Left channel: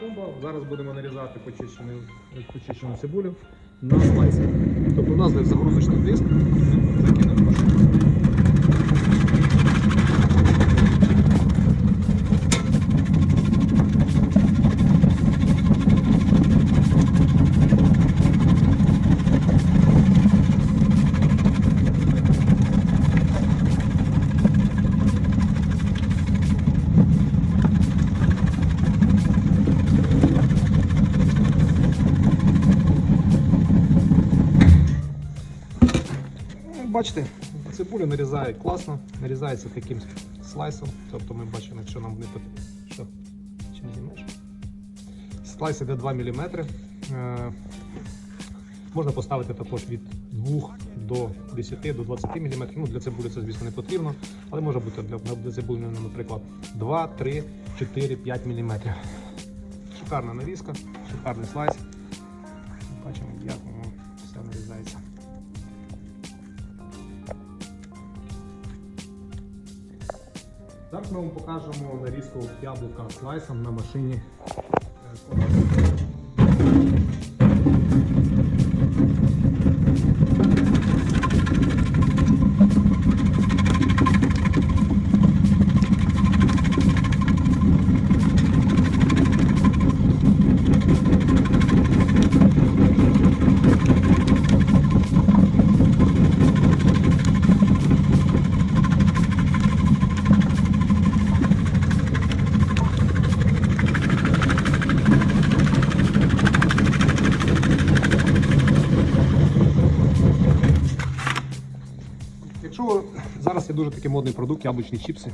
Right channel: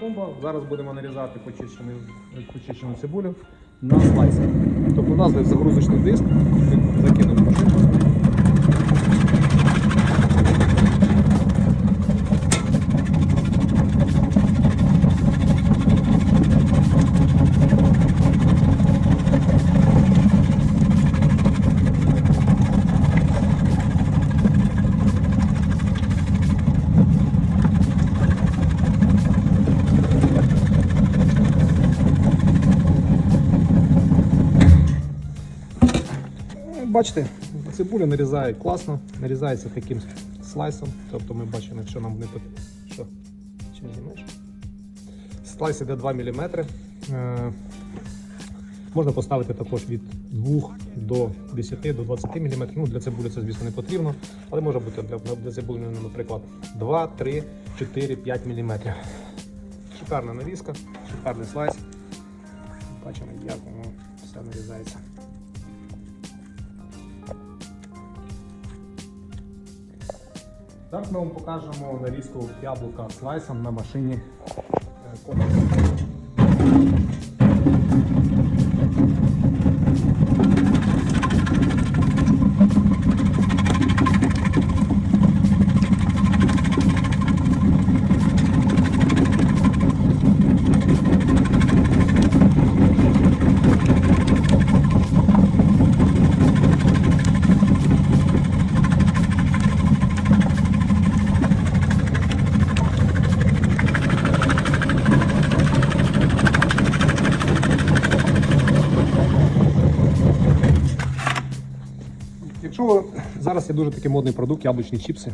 Комбо. Зараз будемо нарізати почищену, почищену цибулю на слайсер. Тобто у нас загрузочний диск, закинемо Бачите, цибуля нарізає класно, нарізається таким слайсом. Тобто ми бачимо, якщо нам не. Що? Чи не знімаєш? Слайс іде 2 мм. Е, можна поставити також від 2 до 10 до 20 мм. Ну, для цибулі це, звісно, не потрібно, але може бути для, для цибулі, наприклад, 2, 3, 4, 5 мм. Шикарна нарізка, шикарний слайс. Бачимо, як воно все нарізається. Зараз ми вам покажемо нарізку яблука слайсом на машині. е, Комбо. Якщо ви зараз є дуже такий модний продукт, яблучні чіпси,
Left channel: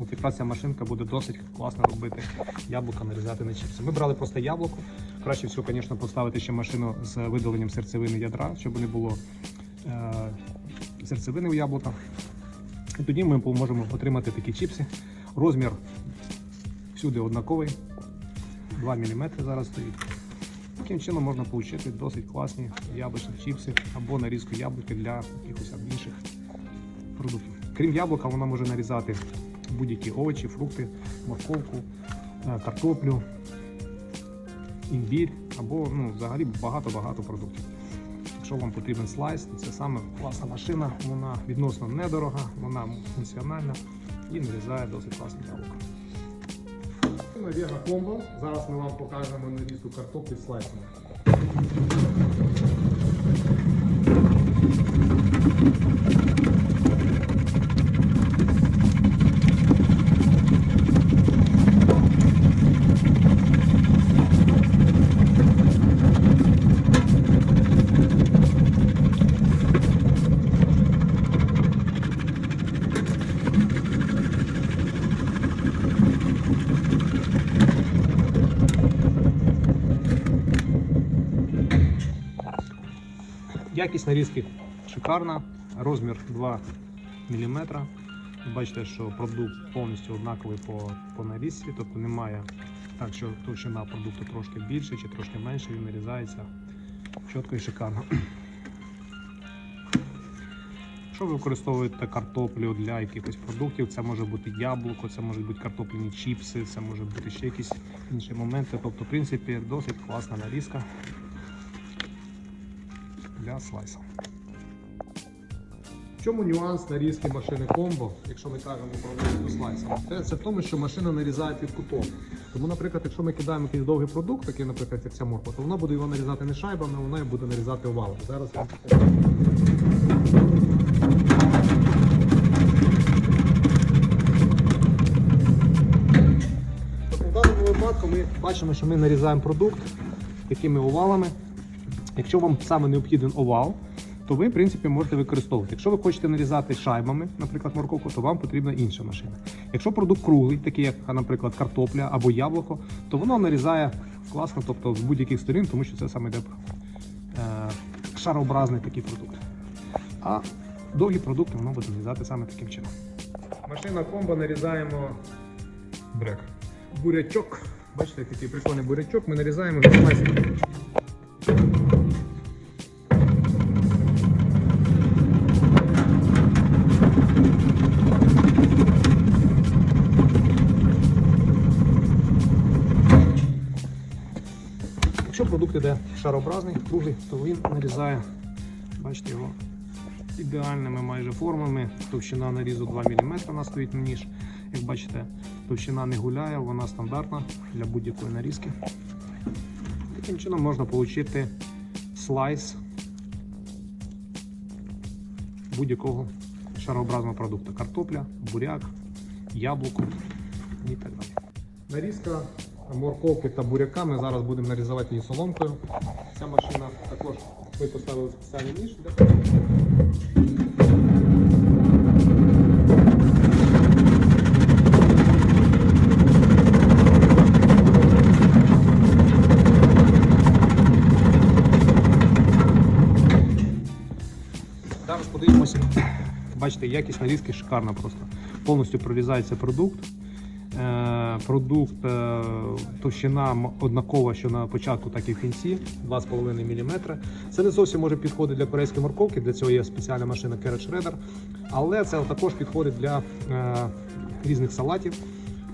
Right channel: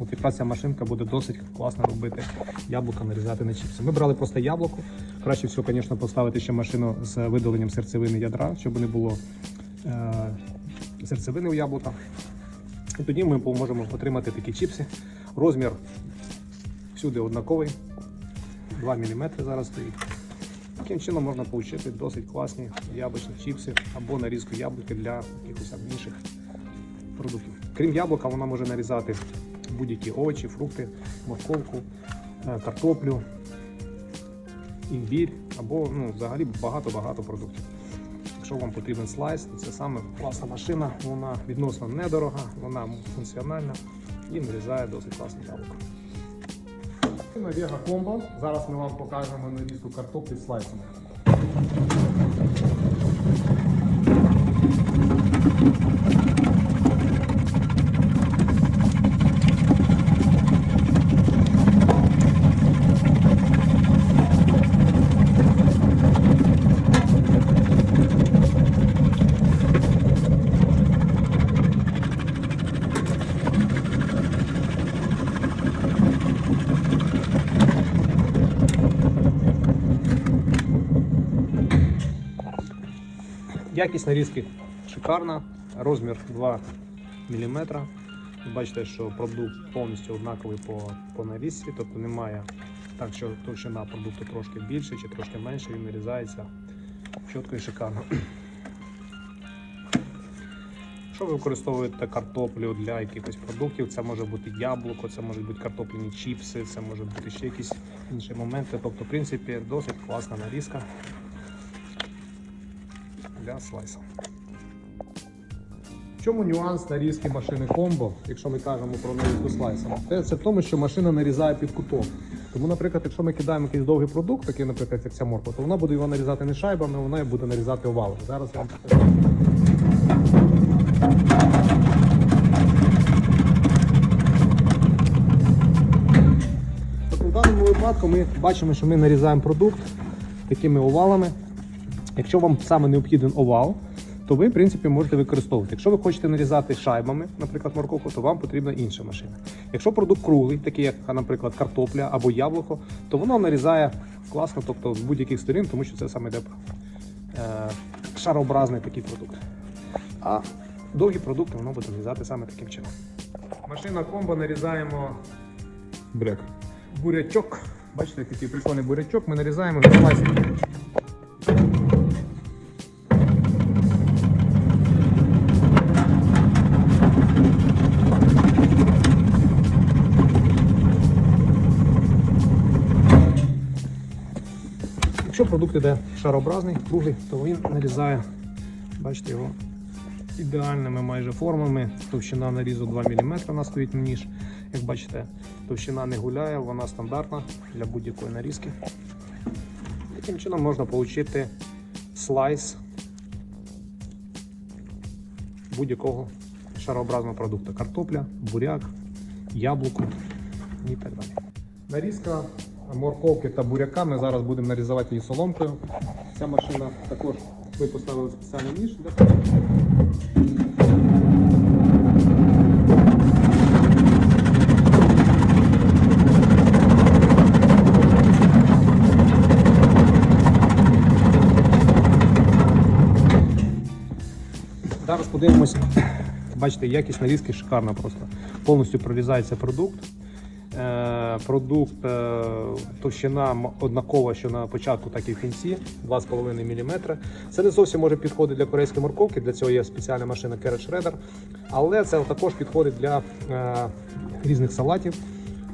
от якраз ця машинка буде досить класно робити яблука, нарізати на чіпси. Ми брали просто яблуко. Краще всього, звісно, поставити ще машину з видаленням серцевини ядра, щоб не було е- серцевини у яблука. І тоді ми можемо отримати такі чіпси. Розмір всюди однаковий, 2 мм зараз стоїть. Таким чином можна отримати досить класні яблучні чіпси або нарізку яблука для якихось інших продуктів. Крім яблука, вона може нарізати будь-які овочі, фрукти, морковку, е, картоплю, імбір або ну, взагалі багато-багато продуктів. Якщо вам потрібен слайс, то це саме класна машина, вона відносно недорога, вона функціональна і нарізає досить класне яблуко. Вега комбо. Зараз ми вам покажемо нарізку картоплі слайсами. Якість нарізки шикарна, розмір 2 мм. Бачите, що продукт повністю однаковий по, по нарізці, тобто немає так, що товщина продукту трошки більше чи трошки менше, він нарізається чітко і шикарно. Якщо ви використовуєте картоплю для якихось продуктів, це може бути яблуко, це можуть бути картопляні чіпси, це може бути ще якісь інші моменти. Тобто, в принципі, досить класна нарізка для слайса. В чому нюанс нарізки машини комбо, якщо ми кажемо про нарізку слайса? Це, це в тому, що машина нарізає під кутом. Тому, наприклад, якщо ми кидаємо якийсь довгий продукт, такий, наприклад, як ця морква, то вона буде його нарізати не шайбами, вона буде нарізати овалами. Зараз я В даному випадку ми бачимо, що ми нарізаємо продукт такими овалами. Якщо вам саме необхіден овал, то ви, в принципі, можете використовувати. Якщо ви хочете нарізати шайбами, наприклад, морковку, то вам потрібна інша машина. Якщо продукт круглий, такий як, наприклад, картопля або яблуко, то воно нарізає класно, тобто з будь-яких сторін, тому що це саме йде е, шарообразний такий продукт. А довгі продукти воно буде нарізати саме таким чином. Машина комбо нарізаємо Брек. бурячок. Бачите, який прикольний бурячок. Ми нарізаємо на слайси. продукт іде шарообразний, круглий, то він нарізає, бачите його ідеальними майже формами. Товщина нарізу 2 мм у нас стоїть ніж. Як бачите, товщина не гуляє, вона стандартна для будь-якої нарізки. Таким чином можна отримати слайс будь-якого шарообразного продукту. Картопля, буряк, яблуко і так далі. Нарізка морковки та буряка ми зараз будемо нарізувати її соломкою. Ця машина також ми поставили спеціальний ніж. Зараз подивимося. Бачите, якість нарізки шикарна просто. Повністю прорізається продукт. Е, Продукт е, товщина однакова, що на початку, так і в кінці 2,5 мм. Це не зовсім може підходити для корейської морковки, для цього є спеціальна машина Carrot Shredder. Але це також підходить для е, різних салатів,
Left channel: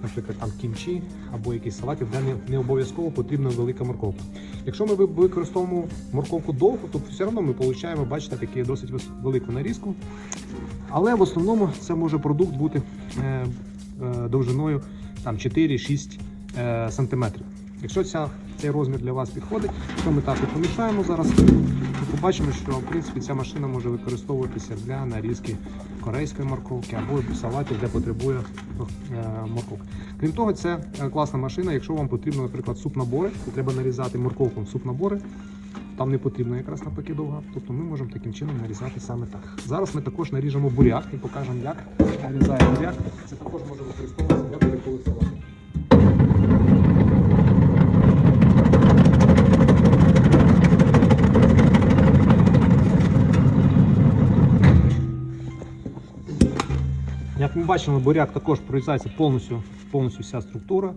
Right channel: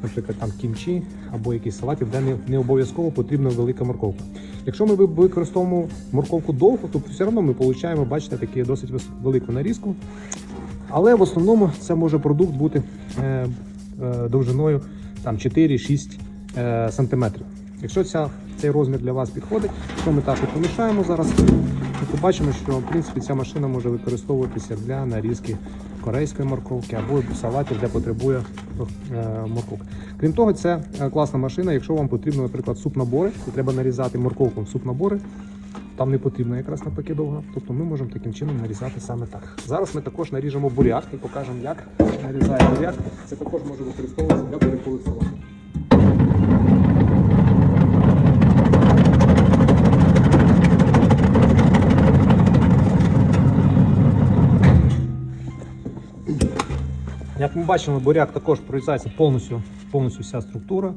наприклад, там кімчі або якісь салатів, де не, обов'язково потрібна велика морковка. Якщо ми використовуємо морковку довго, то все одно ми отримуємо, бачите, таку досить велику нарізку. Але в основному це може продукт бути довжиною там 4-6 е, сантиметрів. Якщо ця, цей розмір для вас підходить, то ми так і помішаємо зараз. І побачимо, що в принципі ця машина може використовуватися для нарізки корейської морковки або салатів, де потребує е, морковки. Крім того, це е, класна машина, якщо вам потрібно, наприклад, суп-набори, то треба нарізати морковку в суп-набори. Там не потрібно якраз навпаки довго. Тобто ми можемо таким чином нарізати саме так. Зараз ми також наріжемо буряк і покажемо, як нарізає буряк. Це також може використовуватися для бурякових. Як ми бачимо, буряк також прорізається повністю, повністю вся структура.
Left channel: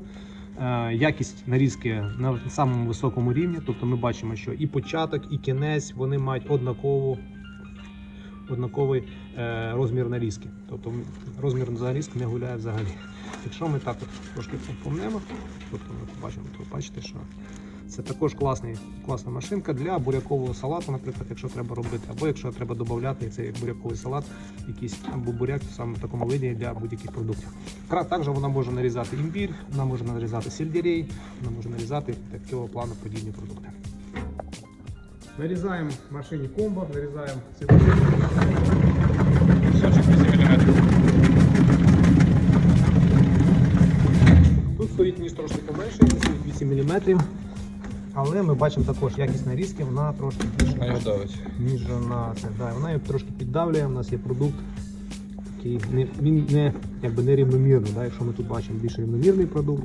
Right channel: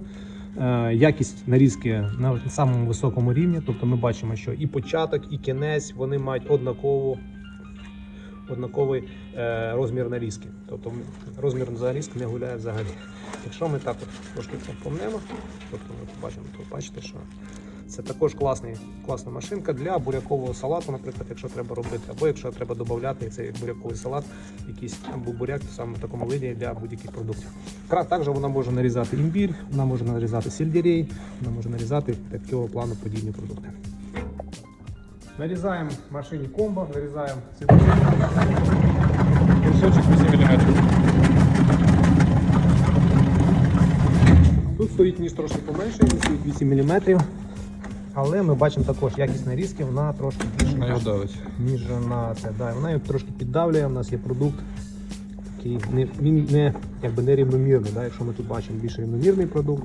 Е, Якість нарізки на самому високому рівні. Тобто ми бачимо, що і початок, і кінець вони мають однакову, однаковий е, розмір нарізки. Тобто розмір нарізки не гуляє взагалі. Якщо ми так от трошки помнемо, тобто ми побачимо, то бачите, що це також класний, класна машинка для бурякового салату, наприклад, якщо треба робити, або якщо треба додати цей буряковий салат, якийсь або буряк саме в такому виді для будь-яких продуктів. Також вона може нарізати імбір, вона може нарізати сельдерей, вона може нарізати такого плану подібні продукти. Нарізаємо в машині комбо, нарізаємо цибулю. Тут стоїть ніж трошки поменше, він стоїть 8 мм. Але ми бачимо також якість нарізки, вона трошки ніж на це. Да, вона її трошки піддавлює, у нас є продукт. Такий не, він не, якби не рівномірний. Да? Якщо ми тут бачимо більш рівномірний продукт,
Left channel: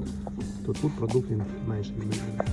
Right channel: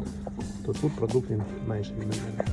то тут продукт він менш рівномірний.